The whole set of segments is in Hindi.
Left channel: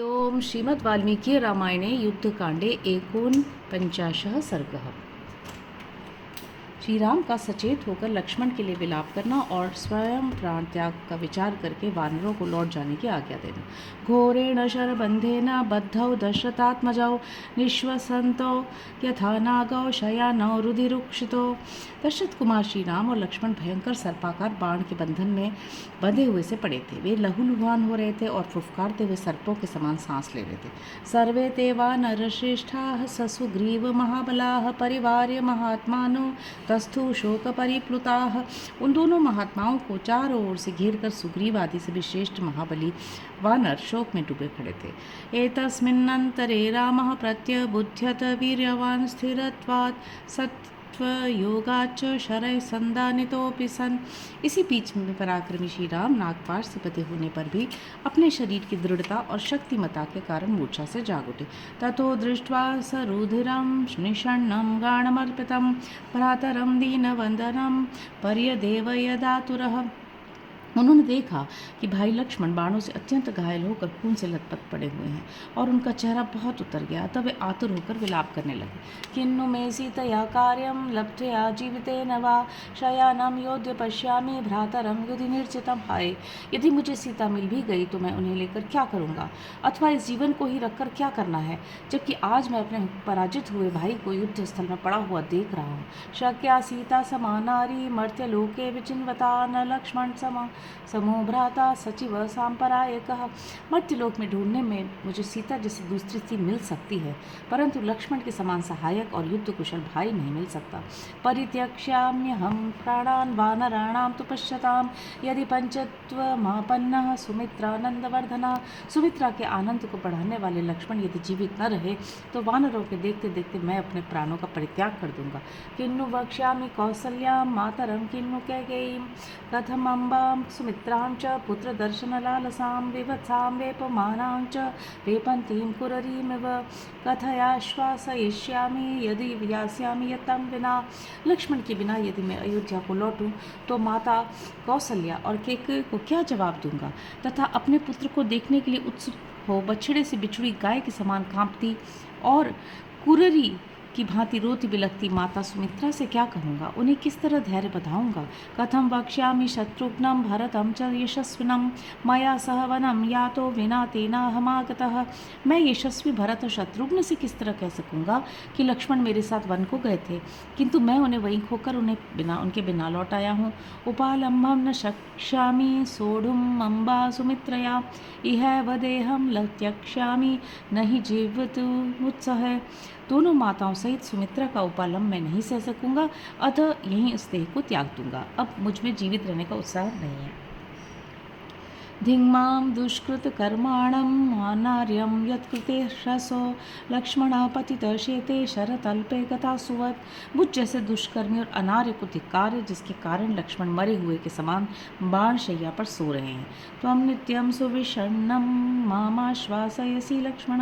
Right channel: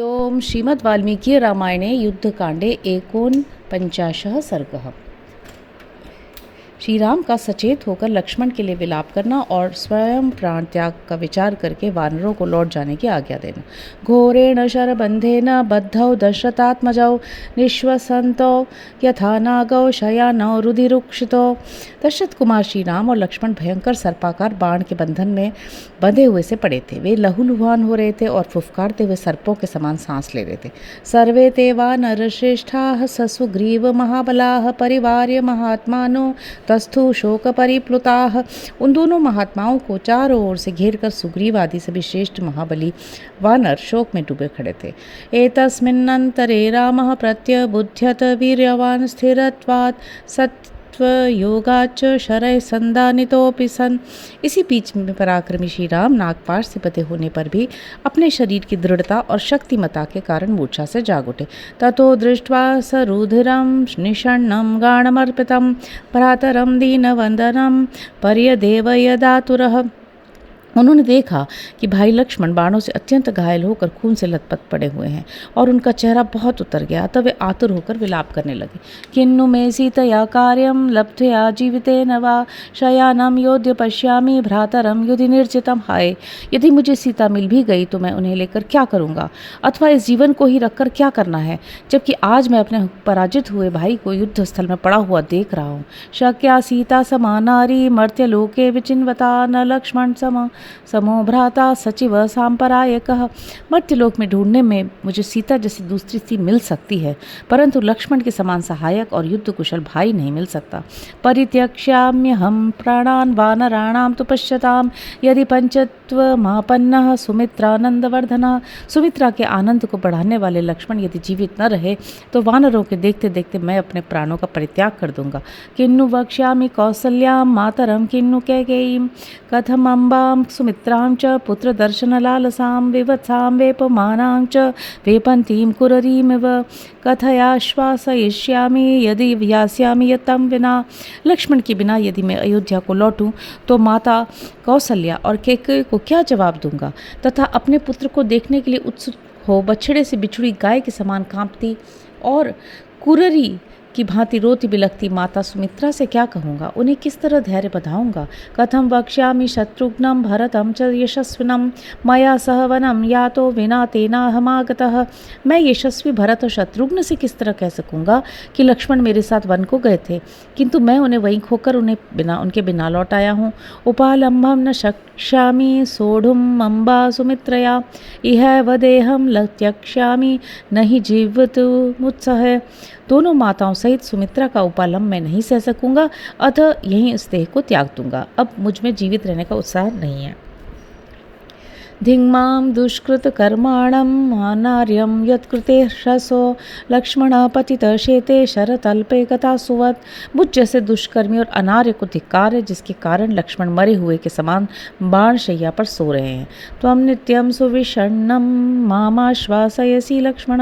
ओम श्रीमद् वाल्मीकि रामायणे युद्धकांडे 49 सर्गः। श्री राम का सचेत होकर लक्ष्मण के लिए विलाप करना और स्वयं प्राण त्याग का विचार करके वानरों को लौट जाने की आज्ञा देना। घोरेण शरबंधेन बद्धौ दशरथात्मजौ निश्वसंतो यथा नागौ शयानौ रुधिरुक्षितो। दशरथ कुमार श्री राम और लक्ष्मण भयंकर सर्पाकार बाण के बंधन में बंधे हुए से पड़े थे। वे लहूलुहान हो रहे थे और फुफकारते हुए सर्पों के समान सांस ले रहे थे। सर्वे ते वा नरश्रेष्ठाः ससुग्रीव महाबलाः परिवार्य महात्मानो तस्थु शोक परिप्लुताः। उन दोनों महात्माओं को चारों ओर से घेरकर सुग्रीव आदि से भी श्रेष्ठ महाबली वानर शोक में डूबे खड़े थे। एतस्मिन्नन्तरे रामः प्रत्यबुध्यत वीर्यवान् स्थिरत्वात् सत्त्वयोगाच्च शरैः संदानितोऽपि सन्। इसी बीच में पराक्रमी श्री राम नागपाश से बंधे होने पर भी अपने शरीर की दृढ़ता और शक्तिमता के कारण मूर्छा से जाग उठे। ततो दृष्ट्वा स रुधिरं निषण्णं गाणमर्पितं भ्रातरं दीनवन्दनं पर्यदेव यदातुरः। उन्होंने देखा कि भाई लक्ष्मण बाणों से अत्यंत घायल होकर खून से लथपथ पड़े हुए हैं और उनका चेहरा बहुत उतर गया। तब वे आतुर होकर विलाप करने लगे। किन्नु मे सीतया कार्यं लब्ध्वा जीवितेन वा शयानं योध्य पश्यामि भ्रातरं युधि निर्जितं। हाय, यदि मुझे सीता मिल भी गई तो मैं उन्हें लेकर क्या करूँगा, अथवा इस जीवन को ही रखकर क्या करना है, जबकि आज मैं अपने पराजित हुए भाई को युद्ध स्थल में पड़ा हुआ देख रहा हूँ। शक्या सीता समानारी मर्त्यलोके विचिन्वता न लक्ष्मण समो भ्राता सचिव सांपरायकः। मर्त्यलोक में ढूंढने में मुझे सीता जैसी दूसरी स्त्री मिल सकती है, परंतु लक्ष्मण के समान सहायक और युद्ध कुशल भाई नहीं मिल सकता। परित्यक्ष्याम्यहं प्राणान् वानराणां तु पश्यताम् यदि पंचत्वमापन्नः सुमित्रानंदवर्धनः। सुमित्रा के आनंद को बढ़ाने वाले लक्ष्मण यदि जीवित न रहे तो वानरों के देखते देखते मैं अपने प्राणों का परित्याग कर दूंगा। किन्नु वक्ष्यामि कौसल्यां मातरं किन्नु कैकेयीं कथम अम्बां सुमित्रां च पुत्रदर्शनलालसां विवत्सां वेपमानां च वेपन्तीं कुररीमिव कथयाश्वासयिष्यामि यदि यास्यामि यत्तं विना। लक्ष्मण के बिना यदि मैं अयोध्या को लौटूं तो माता कौसल्या और कैकेयी को क्या जवाब दूंगा, तथा अपने पुत्र को देखने के लिए उत्सुक हो बछड़े से बिछुड़ी गाय के समान कांपती और कुररी की भांति रोती बिलखती माता सुमित्रा से क्या कहूँगा, उन्हें किस तरह धैर्य बधाऊंगा। कथम वक्ष्यामि शत्रुघ्नं भरतं च यशस्विनं मया सह वनं यातो विना तेनाहमागतः। मैं यशस्वी भरत और शत्रुघ्न से किस तरह कह सकूँगा कि लक्ष्मण मेरे साथ वन को गए थे, किंतु मैं उन्हें वहीं खोकर उनके बिना लौट आया हूँ। उपालंभं न शक्ष्यामि सोढुम् अम्बा सुमित्रया इह वदेहं त्यक्ष्यामि नहीं जीवितुमुत्सह। दोनों माताओं सहित सुमित्रा का उपालंब मैं नहीं सह सकूंगा, अतः यहीं उस देह को त्याग दूंगा। अब मुझ में जीवित रहने का उत्साह नहीं है। धिङ्मां दुष्कृतकर्माणं अनार्यं यत्कृते ह्रसो लक्ष्मण पतित शेते शरतल्पे गता सुवत्। मुझ जैसे दुष्कर्मी और अनार्य को धिक्कार है, जिसके कारण लक्ष्मण मरे हुए के समान बाण शैया पर सो रहे हैं। त्वं नित्यं सुविषण्णं मामाश्वासयसि लक्ष्मण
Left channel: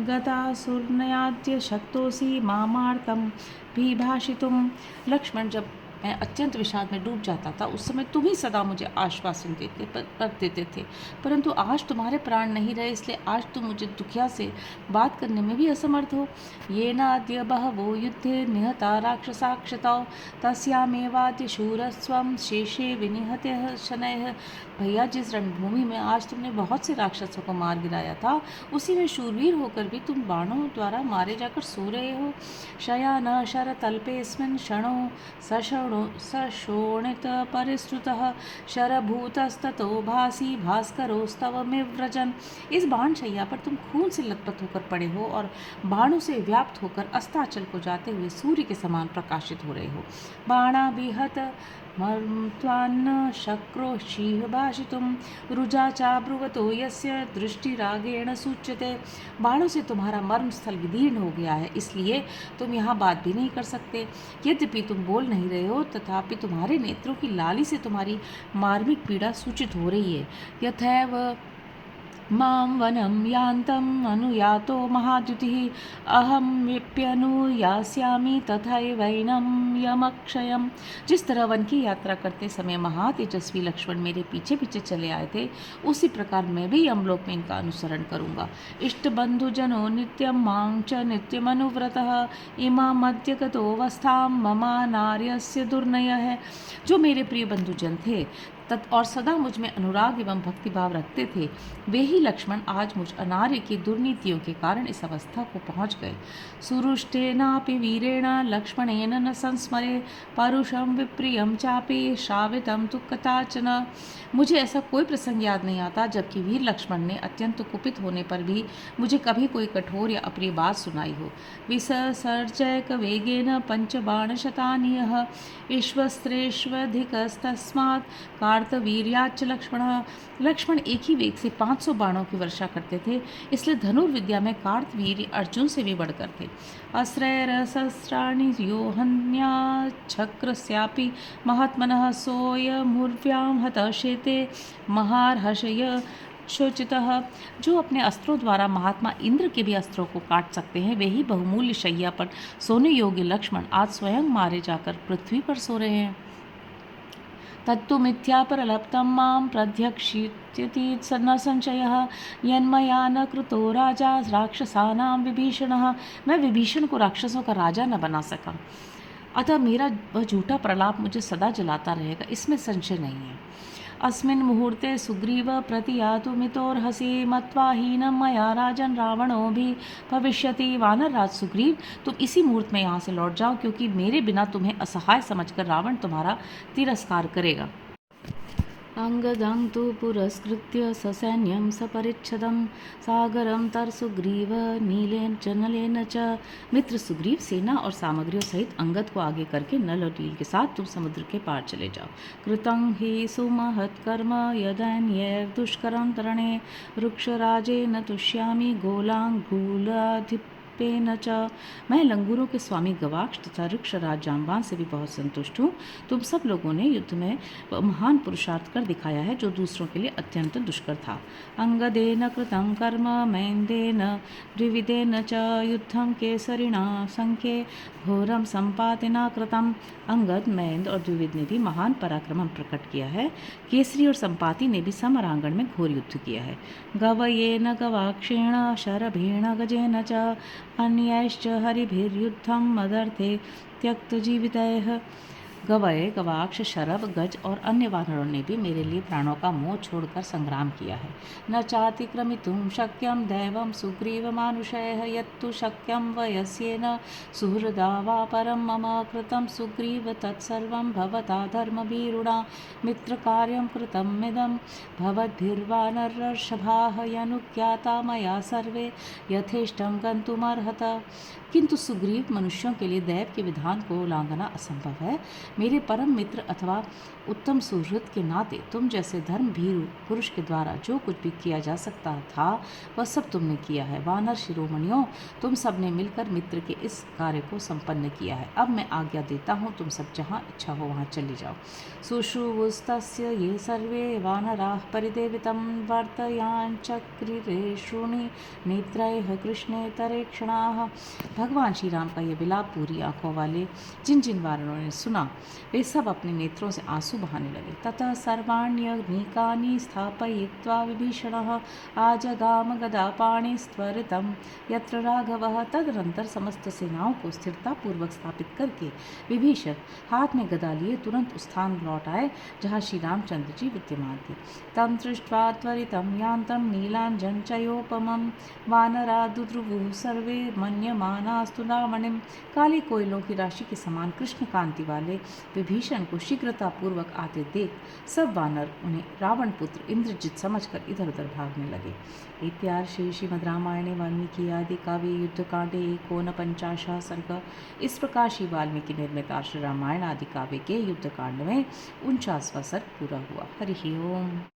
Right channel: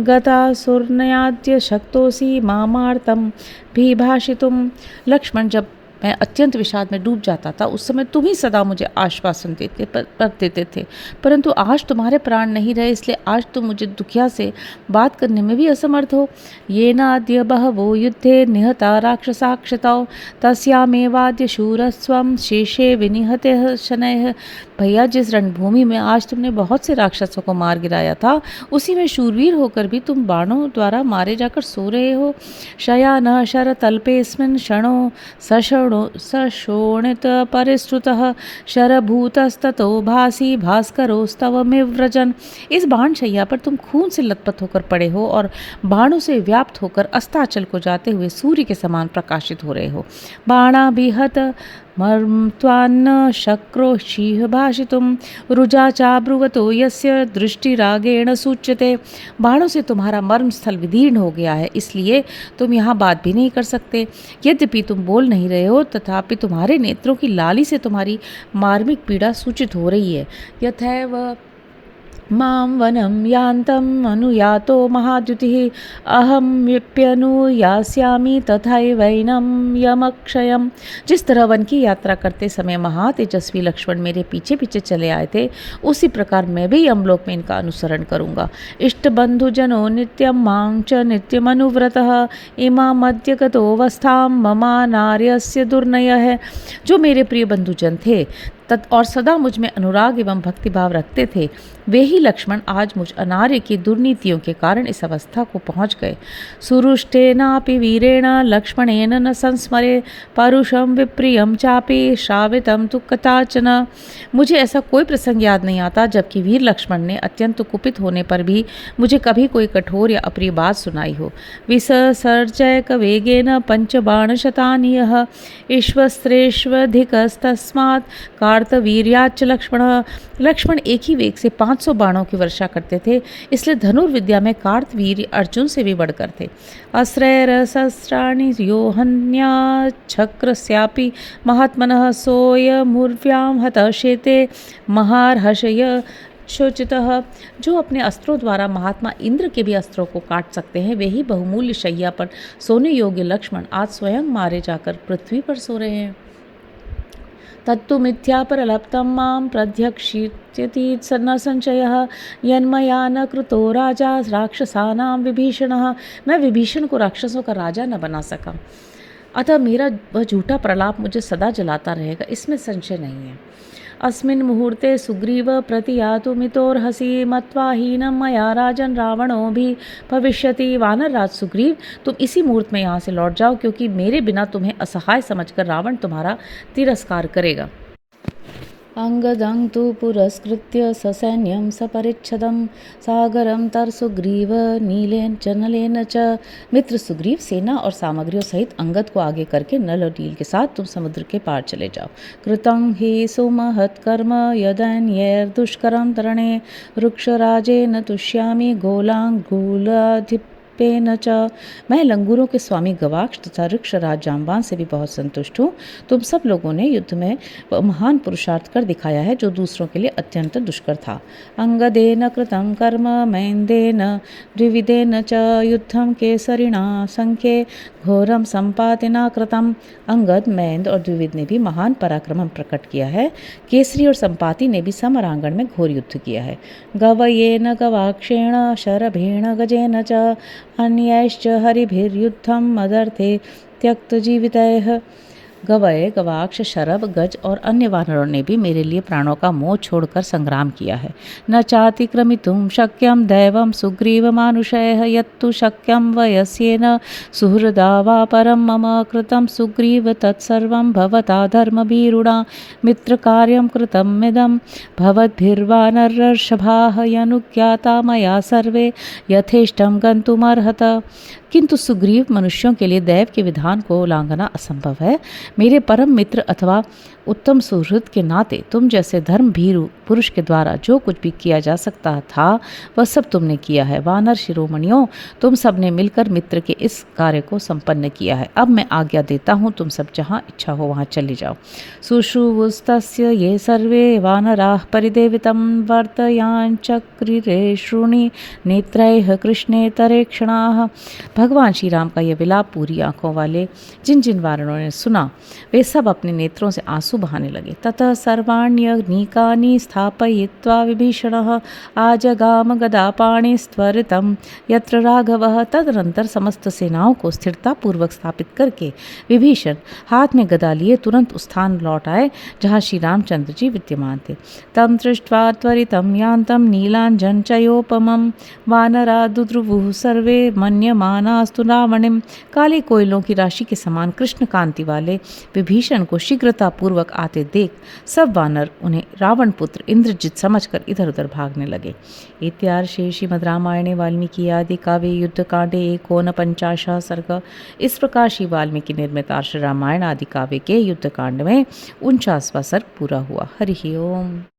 गतासुरनयाद्य शक्तोऽसि मामार्तं विभाषितुम्। लक्ष्मण, जब मैं अत्यंत विषाद में डूब जाता था उस समय तुम ही सदा मुझे आश्वासन देते थे, परंतु आज तुम्हारे प्राण नहीं रहे, इसलिए आज तुम मुझे दुखिया से बात करने में भी असमर्थ हो। ये नाद्य बहवो युद्धे निहता राक्षसाक्षतौ तस्यामेवाद्य शूरस्वं शेषे विनिहते शनैः। भैया, जिस रणभूमि में आज तुमने बहुत से राक्षसों को मार गिराया था, उसी में शूरवीर होकर भी तुम बाणों द्वारा मारे जाकर सो रहे हो। शयानः शरतल्पेऽस्मिन् क्षणो सशोणित परिश्रुतः शरभूतस्ततो भासी भास्करोस्तवमिव व्रजन्। इस बाण शैया पर तुम खून से लथपथ होकर पड़े हो और बाणों से व्याप्त होकर अस्ताचल को जाते हुए सूर्य के समान प्रकाशित हो रहे हो। बाणाभिहत मर्त्वान्न शक्रोशीह भाषितुं रुजा चाब्रुवतो यस्य दृष्टिरागेण सूच्यते। बाणों से तुम्हारा मर्म स्थल विदीर्ण हो गया है, इसलिए तुम यहाँ बात भी नहीं कर सकते। यद्यपि तुम बोल नहीं रहे हो, तथापि तुम्हारे नेत्रों की लाली से तुम्हारी मार्मिक पीड़ा सूचित हो रही है। यथैव मां वनं यान्तम् अनुयातो महाद्युतिः अहमप्यनुयास्यामि तथैवैनं यमक्षयम्। जिस तरह वन की यात्रा करते समय महातेजस्वी लक्ष्मण मेरे पीछे पीछे चले आए थे, उसी प्रकार मैं भी यमलोक में इनका अनुसरण करूँगा। इष्टबन्धुजनो नित्यं मां च नित्यमनुव्रतः इमामद्य गतोऽवस्थां ममा नार्यस्य दुर्नयः। जो मेरे प्रिय बंधुजन थे और सदा मुझ में अनुराग एवं भक्तिभाव रखते थे, वे ही लक्ष्मण आज मुझ अनार्य की दुर्नीतियों के कारण इस अवस्था को पहुँच गए। सुरुष्टेनापि वीरेण लक्ष्मणेन न संस्मरे परुषं विप्रियं चापि श्रावितं तु कदाचन। मुझे ऐसा कोई प्रसंग याद नहीं आता जबकि वीर लक्ष्मण ने अत्यंत कुपित होने पर भी मुझे कभी कोई कठोर या अप्रिय बात सुनाई हो। विससर्जयक वेगेन पंचबाणशतानि यः ईश्वस्त्रेष्वधिकस्तस्मात् कार्तवीर्याच्च लक्ष्मण एक ही वेग से 500 बाणों की वर्षा करते थे, इसलिए धनुर्विद्या में कार्तवीर्य अर्जुन से भी बढ़कर थे। अस्त्रैरसहस्राणि योहन्या छक्रस्यापि महात्मनः सोऽयमुर्व्यां हतः शेते महार्हषय शोचितः। जो अपने अस्त्रों द्वारा महात्मा इंद्र के भी अस्त्रों को काट सकते हैं, वे ही बहुमूल्य शैया पर सोने योग्य लक्ष्मण आज स्वयं मारे जाकर पृथ्वी पर सो रहे हैं। तत्तु मिथ्या परलप्तं मां प्रध्यक्षित्यति न संशयः यन्मया न कृतो राजा राक्षसानां विभीषणः। मैं विभीषण को राक्षसों का राजा न बना सका, अतः मेरा वह झूठा प्रलाप मुझे सदा जलाता रहेगा, इसमें संशय नहीं है। अस्मिन् मुहूर्ते सुग्रीव प्रतियातु मितोर्हसि मत्वा हीनं मया राजन रावणो भी भविष्यति। वानर राज सुग्रीव, तुम इसी मुहूर्त में यहाँ से लौट जाओ, क्योंकि मेरे बिना तुम्हें असहाय समझकर रावण तुम्हारा तिरस्कार करेगा। अंगदं तु पुरस्कृत्य ससैन्यं सपरिच्छदं सागरं तरसुग्रीव नीलेन च नलेन च। मित्र सुग्रीव सेना और सामग्रियों सहित अंगद को आगे करके नल और नील के साथ तुम समुद्र के पार चले जाओ। कृतं हि सुमहत्कर्म यदन्यैर्दुष्करं तरणे वृक्षराजेन तुष्यामि गोलांगूलाधिप पेन च। मैं लंगूरों के स्वामी गवाक्ष तथा वृक्षराज जाम्बान से भी बहुत संतुष्ट हूँ। तुम सब लोगों ने युद्ध में महान पुरुषार्थ कर दिखाया है, जो दूसरों के लिए अत्यंत दुष्कर था। अंगदेन कृतं कर्म मैन्देन द्विविधेन च युद्धं केसरिणा संख्ये घोरम संपातिना कृतम। अंगद, मैंद और द्विविद ने भी महान पराक्रम प्रकट किया है। केसरी और संपाति ने भी समरांगण में घोर युद्ध किया है। गवयेन गवाक्षेण शरभेण गजेन च अन्यैश्च हरिभिर्युद्धं मदर्थे त्यक्तजीवितैः। गवय, गवाक्ष, शरभ, गज और अन्य वानरों ने भी मेरे लिए प्राणों का मोह छोड़कर संग्राम किया है। न चातिक्रमितुं शक्यं दैवं सुग्रीवमानुषयः यत्तु शक्यं वयस्येन सुहृदा वा परं मम कृतं सुग्रीव तत्सर्वं भवता धर्मभीरुणा मित्रकार्यं कृतमिदं भवद्भिर्वानरर्षभाः यनुज्ञाता मया सर्वे यथेष्टं गन्तुमर्हत। किंतु सुग्रीव, मनुष्यों के लिए दैव के विधान को उल्लंघना असंभव है। मेरे परम मित्र अथवा उत्तम सुहृद के नाते तुम जैसे धर्म भीरु पुरुष के द्वारा जो कुछ भी किया जा सकता था वह सब तुमने किया है। वानर शिरोमणियों, तुम सब ने मिलकर मित्र के इस कार्य को संपन्न किया है। अब मैं आज्ञा देता हूँ, तुम सब जहाँ इच्छा हो वहाँ चले जाओ। सुश्रुवुस्तस्य ये सर्वे वानराः परिदेवितं वर्तयांचक्रिरे श्रुणि नेत्रैः कृष्णेतरे क्षणाः। भगवान श्री राम का यह विलाप पूरी आंखों वाले जिन जिन वानरों ने सुना, वे सब अपने नेत्रों से आंसू बहाने लगे। ततः सर्वाण्यग्निकानि स्थापयित्वा विभीषणः आजगाम गदापाणिस्त्वरितं यत्र राघवः। तदनंतर समस्त सेनाओं को स्थिरता पूर्वक स्थापित करके विभीषण हाथ में गदा लिए तुरंत उस स्थान लौट आए जहाँ श्री रामचंद्र जी विद्यमान थे। तम दृष्ट्वा त्वरितं यान्तं नीलाञ्जनचयोपमं वानरा दुद्रुवुः सर्वे मन्यमानास्तु रावणिं। काले कोयलों की राशि के समान कृष्ण कांति वाले विभीषण को शीघ्रता पूर्वक आते देख सब वानर उन्हें रावण पुत्र इंद्रजित समझकर इधर उधर भागने लगे। इत्यार्षे श्रीमद् रामायणे वाल्मीकि आदि काव्ये युद्धकांडे 49 सर्ग। इस प्रकार श्री वाल्मीकि निर्मित आर्ष रामायण आदि काव्य के युद्धकांड में 49वां सर्ग पूरा हुआ। हरि ओम।